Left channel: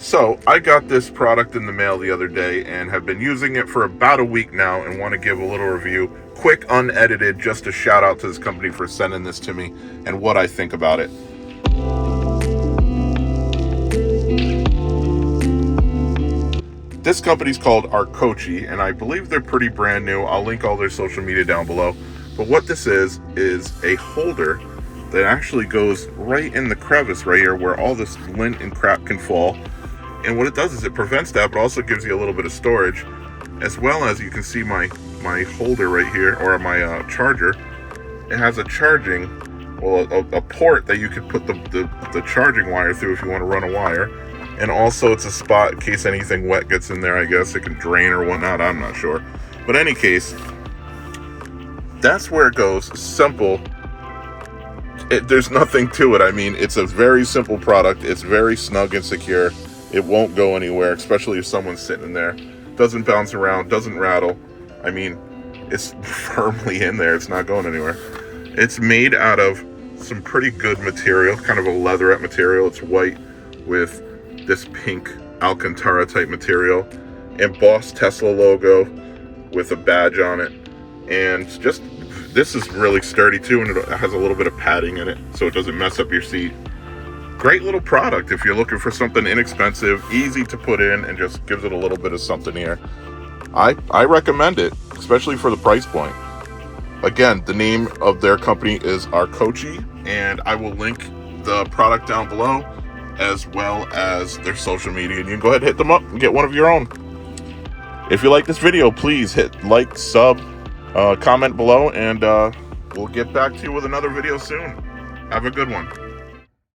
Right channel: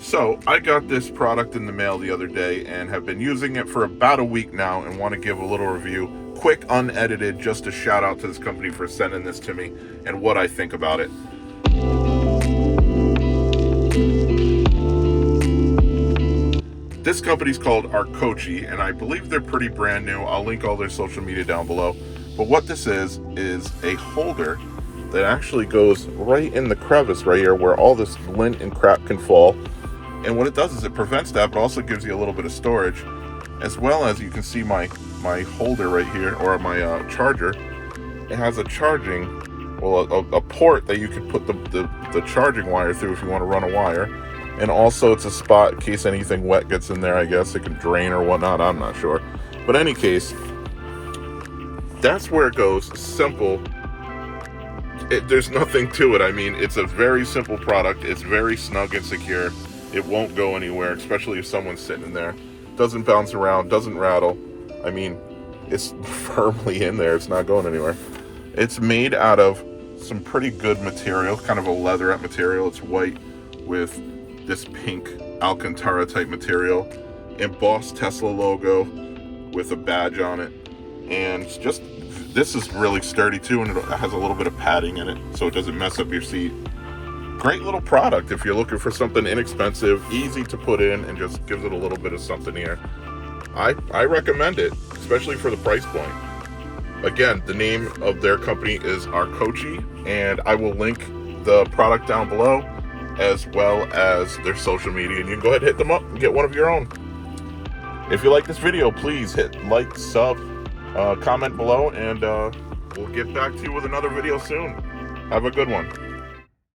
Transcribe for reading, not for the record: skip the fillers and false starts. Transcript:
So I got this product in the mail the other day and have been using it for about a week now and want to give a little review, quick, unedited, just a shout out to this company for sending this to me and what I think about it. This company's called Arcoche, and I believe they're pretty brand new. I'll link all their social media down below. But what this is a holder that actually goes right in the crevice right here where all this lint and crap can fall. And what it does is it prevents that, but also gives you a little bit of storage, as well as you can see my holder right here, or my charger. It has a charging, a port that you could put the charging wire through if you want to run a wire. And also it's a spot in case anything wet gets in there, I guess. It can drain or whatnot, I'm not sure. But in any case, that's where it goes. Simple. There's nothing to it. I mean, it's a very simple product. It's very snug and secure. It won't go anywhere, especially if someone's sitting in there. Doesn't bounce around, doesn't rattle. I mean, it's firmly in there. It's not going anywhere. It's made out of some pretty good material, kind of a leatherette material. It's white with this pink Alcantara type material, embossed Tesla logo with a badge on it. And just, this is really sturdy too, and it has a little bit of padding in it so it doesn't mess up your seat. Great little product if you're looking for something inexpensive, easy to put in, and just gives it a little bit of something here. I recommend it, especially for the price point. Again, the name of their company is Arcoche, and I will link the product down below, as well as their social media, and you can go ahead and hit them up and get one of your own. If you like this video, please hit like, sub, comment below, and we'll get back to you with another video soon. Have a good one.